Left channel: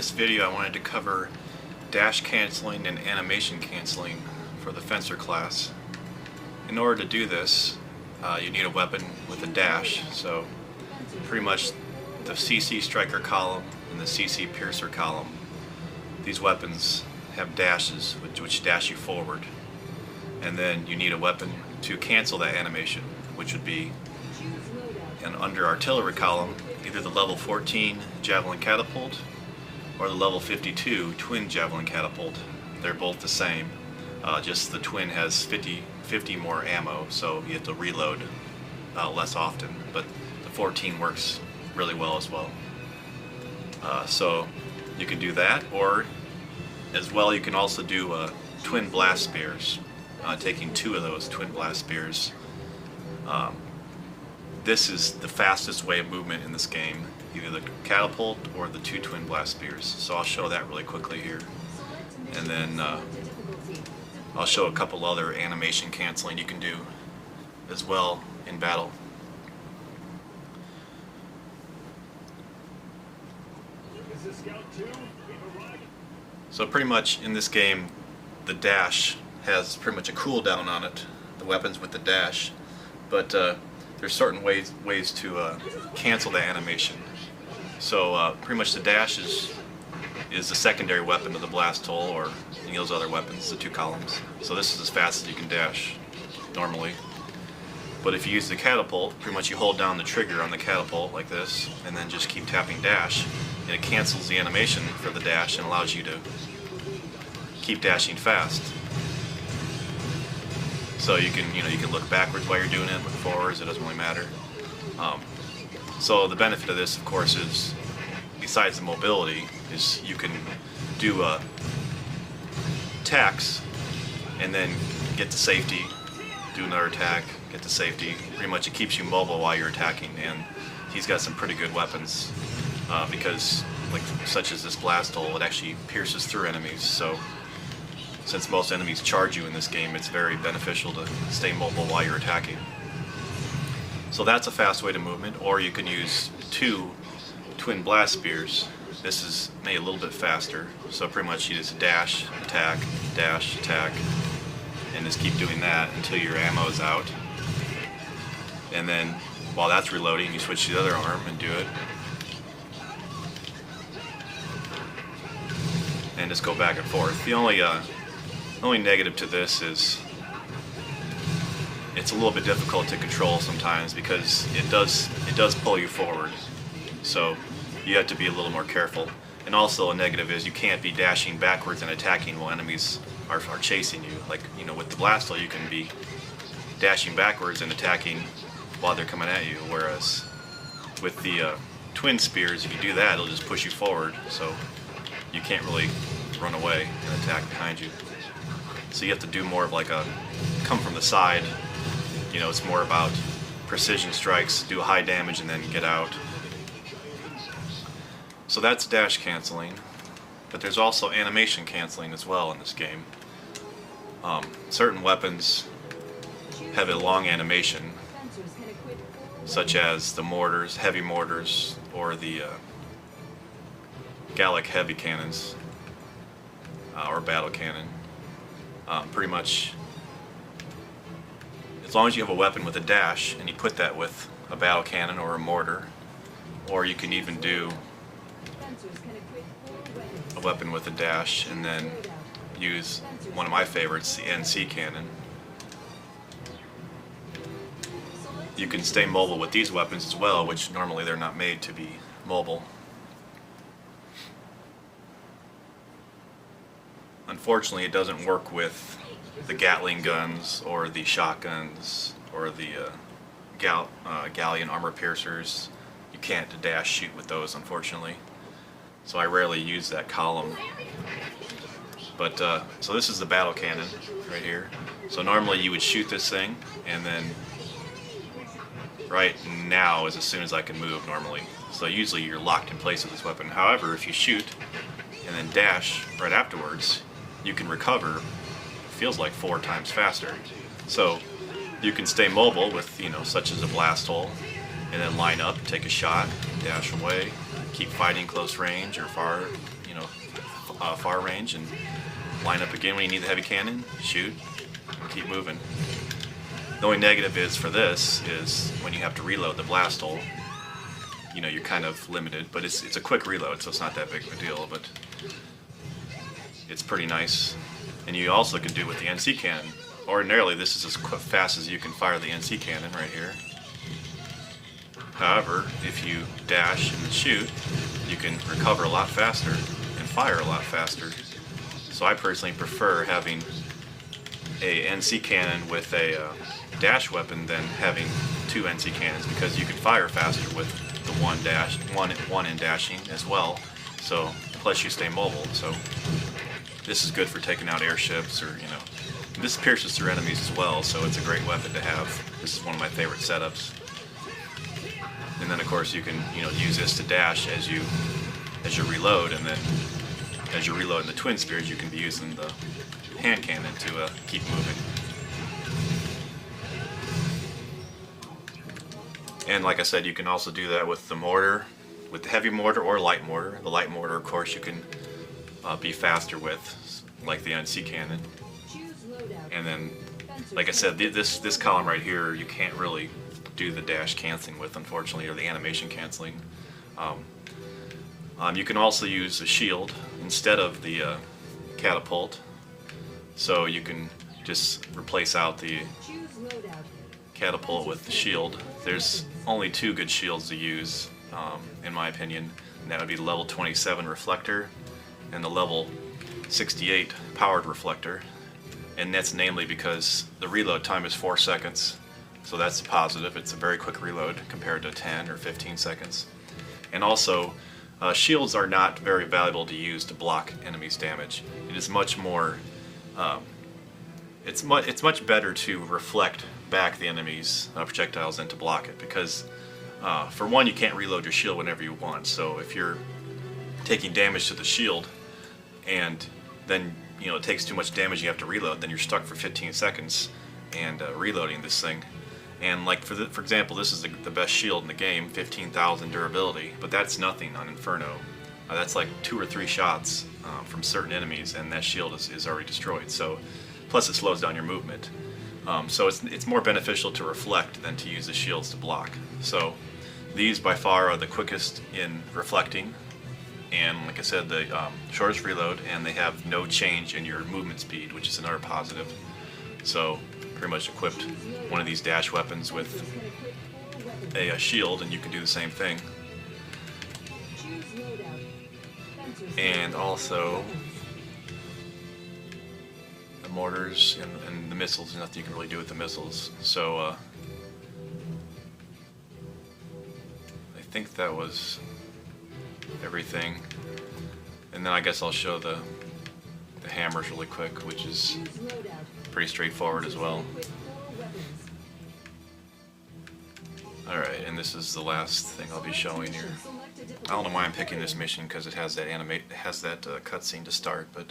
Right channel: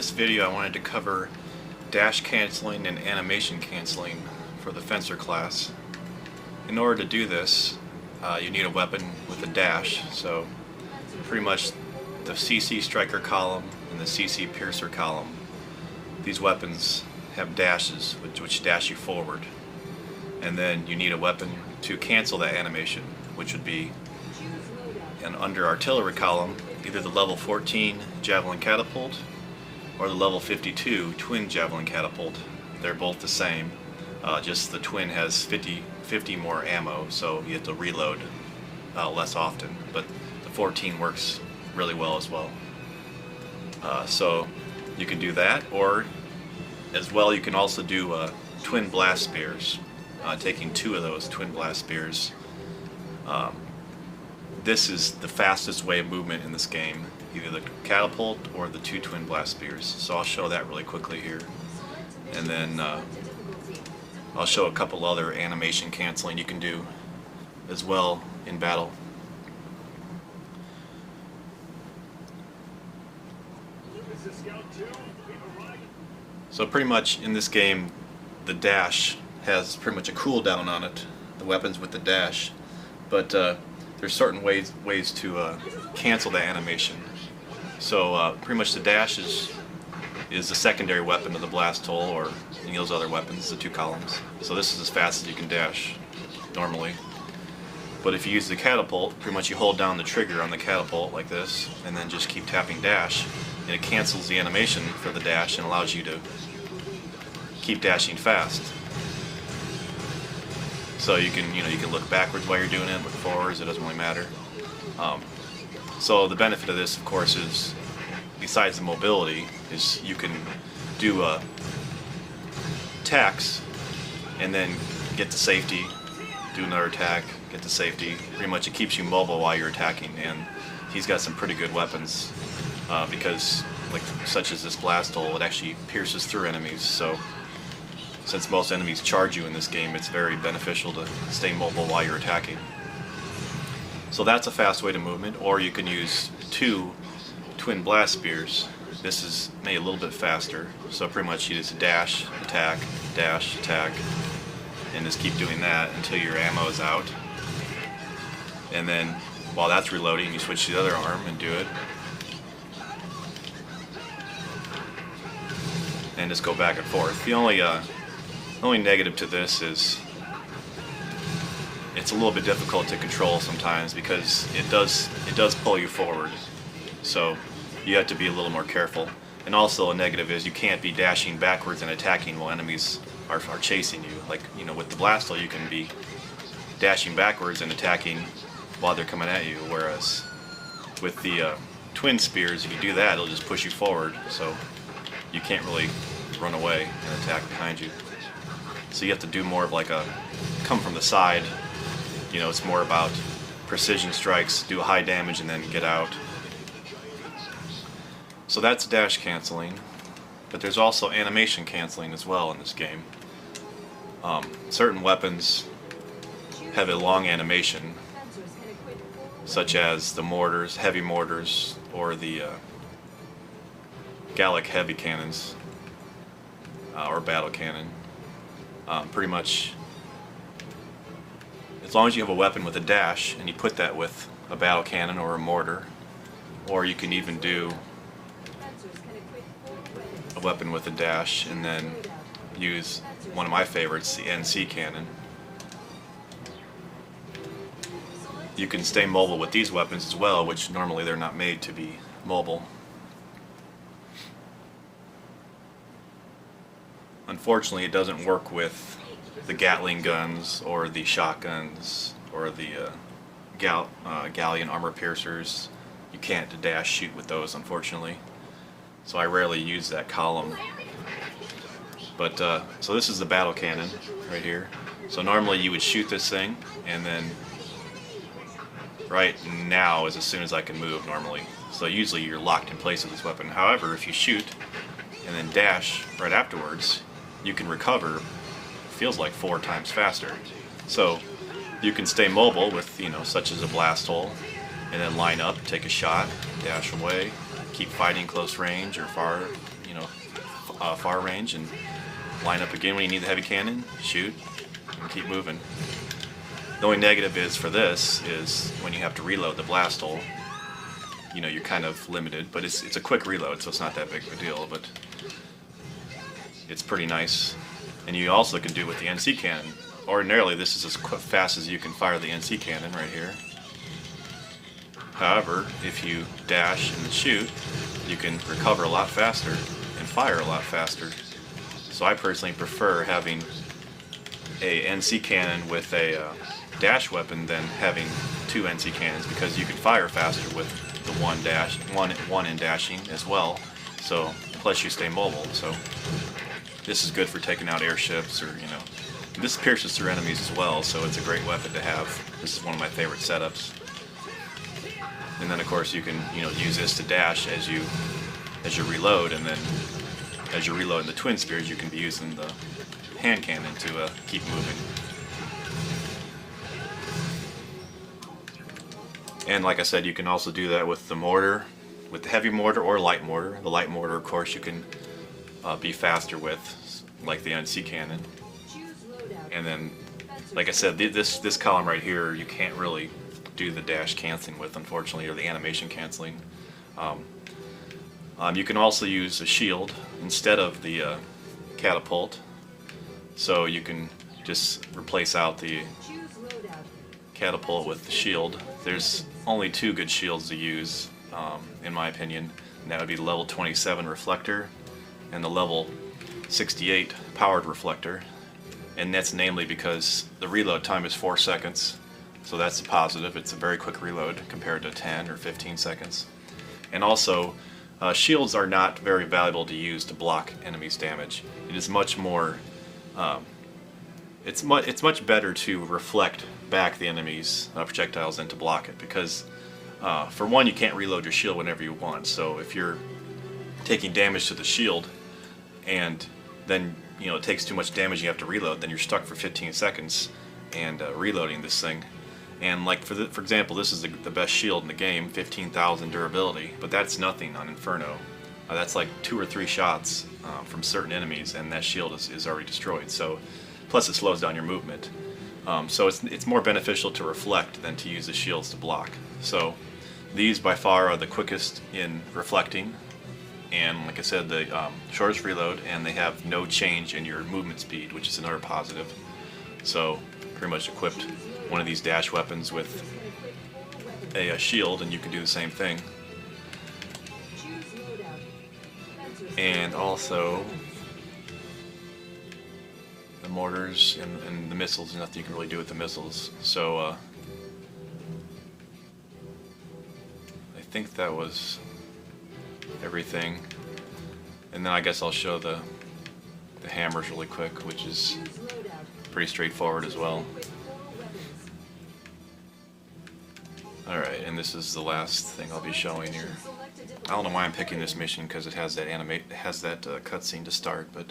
this video I wanted to cover dash canceling and animation canceling for the Fencer class. In order to do this, you need a weapon with a dash. So pretty much the CC Striker column and the CC Piercer column, these weapons have dashes which dash you forward. And then you need a weapon to cancel that animation, which would be an under artillery column, either the level 14 Javelin Catapult or the level 52 Twin Javelin Catapult. They're both the same, just the Twin has 50 more ammo, so you have to reload less often, but the 14 works really well as well. So you can do that, or as well you can also do Twin Blast Spears, taking 2 of those Twin Blast Spears. This is the fastest way of movement in this game, either the catapult or the 2 Twin Blast Spears. So I'll show that really quickly here. And then I'll show a couple other animation canceling you can do as well in battle. So pretty much in this game, the dash has pretty much a cooldown on it, the weapons with the dash. But there's certain ways to cancel that animation. So pretty much the dash is the secondary weapon of the blast hole or any of those other weapons, the 2 columns. So this is as fast as you can dash normally. But if you use the catapult, pretty much you hold down the trigger on the catapult like this, and then just keep tapping dash, and it cancels the animation for the dash and allows you to keep dashing fast. So you can look backwards while you're doing it, look forwards, it doesn't really matter. So the benefit of this, of course, is, besides the mobility, is you can do attacks and then get to safety, do another attack, get to safety. Pretty much it keeps you mobile while you're attacking, and he's got some pretty good weapons because, like, such as this blast hole, it actually pierces through enemies. So since most enemies charge you in this game, it's very beneficial to stay mobile while you're attacking. So that's a fast way to movement, or you can use 2 Twin Blast Spears. This is made a little bit faster, so pretty much you just dash, attack, and just keep doing that until your ammo is out. And then while that's reloading, you switch to the other arm and do it. And just go back and forth. The only negative to this is it's a little bit difficult to control sometimes because it does pull you forward, so you have to be a little more careful. And also a negative is you can't be dashing backwards and attacking while enemies are chasing you. Like, with the blast hole you can be dashing backwards and attacking while they're coming at you, whereas with the Twin Spears, if you do that, it'll just push you forward, so you can't really run away and attack behind you. So you have to do more of like a come from the side. It's more about precision strikes, do high damage, and then get out. So that's dash canceling, but there's also animation canceling as well in this game. Certain weapons have a long animation, such as the mortars, heavy mortars, or the Gallic heavy cannons, or battle cannon. Pretty much, as long as you have a weapon with a dash and you put that with a battle cannon or a mortar, or you can even do a weapon with a dash and then use one of my favorites, the NC cannon. You can stay mobile with these weapons as well, which normally they're not made to be mobile. Unfortunately, it doesn't work with the Gatling guns or the shotguns or the Galleon armor piercers. You can't dash shoot with those, unfortunately. So I rarely use that column. But so this is the battle cannon right here. So normally you would shoot this thing, and then right now is as soon as I can move normally. So usually you're locked in place with this weapon. However, if you shoot and then dash right afterwards, you can recover, it feels like 4 times faster. So you can stay mobile with, such as a blast hole, and then line up, take a shot, dash away, keep fighting close range or far, far range, and line up again when you need the heavy cannon, shoot, and keep moving. The only negative is for this is when you have to reload the blast hole, you're kind of limited, but it's a quick reload, so it's not that big of a deal, but it's pretty nice. And you also can do with the NC cannon. Ordinarily, this is as fast as you can fire the NC cannon right here. However, if you dash and shoot, you can recover a lot faster and fire a lot faster. So I personally prefer having a NC cannon with a dash weapon than having two NC cannons, because you can fire faster with the one in dashing as well. So plus you stay mobile. So this is good for taking out airships, or this pierces through enemies as well. So it's a great weapon to have. This is one of my favorite setups. And then of course you can use this to dash as you reload, and then as you're reloading the twin spears, you can be using the hand cannon to keep moving. And like I said, you can also do that with the mortar, with the heavy mortar or light mortar. The light mortar, of course, you can be faster with, like the NC cannon. And then, like I said, this column right here, you can't really do the dash canceling with, unfortunately, or the animation canceling. You can also use a shield instead of the catapult, so you can just replace out the catapult with the shield. There's only two good shields to use, in my opinion, and that would be the level 27 reflector and the level 68 powered reflector. And that's namely because the reload time is 4 seconds, so that's a positive. It's a very quick reload compared to 10 or 15 seconds. And also, shields are not very valuable to use to block enemies' damage. It is much more, it's much better to reflect back the enemy's projectiles than to block it, because for one, you can't reload your shield whenever you want. So if you're taking damage to the shield and then it takes too much damage, you have to reload, then you're stuck for 15 seconds and reloading this thing. And like for example, this is the best shield in the game, 15,000 durability, but that's nothing on Inferno. That's like 2 or 3 shots from certain enemies, and that shield is already destroyed. So, plus it slows down your movement. So it's more beneficial to reflect than to use the shields to block. So these by far are the quickest in reflecting, and like I said, the shortest reload, and they have no change in your movement speed, which is another positive. So pretty much equipped one of these dash weapons with a shield, and you can do the same thing. And also the mortars and the missiles, nothing you can really do with the missiles. So I think that was everything. And then I guess I'll show the hammers really quick, which is pretty straightforward as well. Alright, and this is the last thing I'll be showing here. I don't know why I'm picking this mission, because it has that cutscene to start, but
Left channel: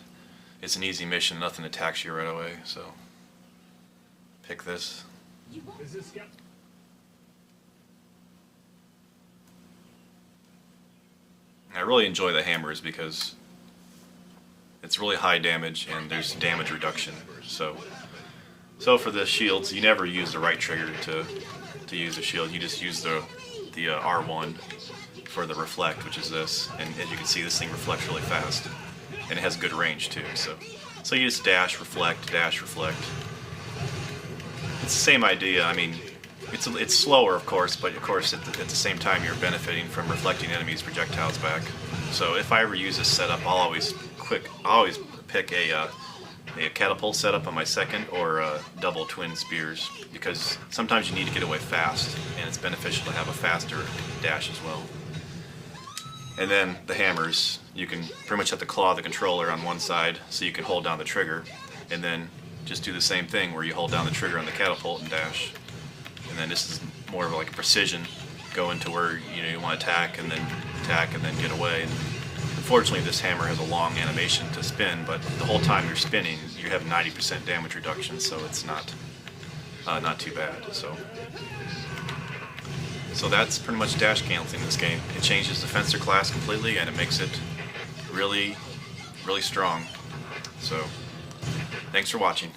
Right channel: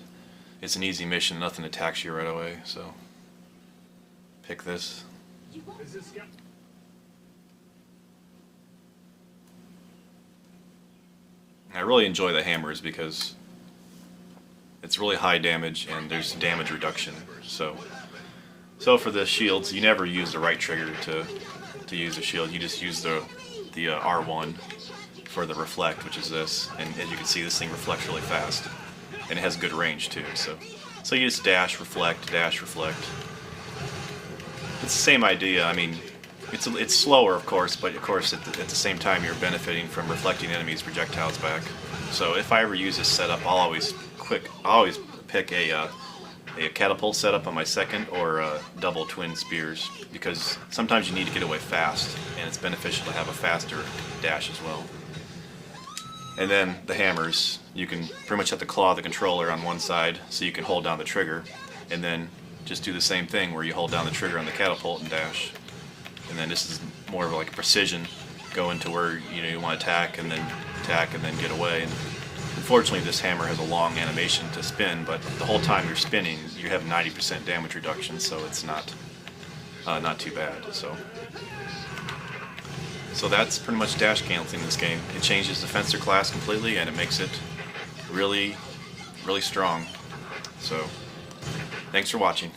it's an easy mission, nothing attacks you right away, so pick this. I really enjoy the hammers because it's really high damage and there's damage reduction. So for the shields, you never use the right trigger to use a shield. You just use the R1 for the reflect, which is this. And as you can see, this thing reflects really fast, and it has good range too. So you just dash, reflect, dash, reflect. It's the same idea. I mean, it's slower, of course, but of course at the same time you're benefiting from reflecting enemies' projectiles back. So if I ever use this setup, I'll always pick a catapult setup on my second, or double twin spears, because sometimes you need to get away fast, and it's beneficial to have a faster dash as well. And then the hammers, you can pretty much have to claw the controller on one side so you can hold down the trigger, and then just do the same thing where you hold down the trigger on the catapult and dash. And then this is more of like a precision, go into where you want to attack and then get away. And unfortunately, this hammer has a long animation to spin, but the whole time you're spinning, you have 90% damage reduction, so it's not too bad. So So that's pretty much dash canceling in this game. It changes the Fencer class completely, and it makes it really, really strong. So, thanks for watching.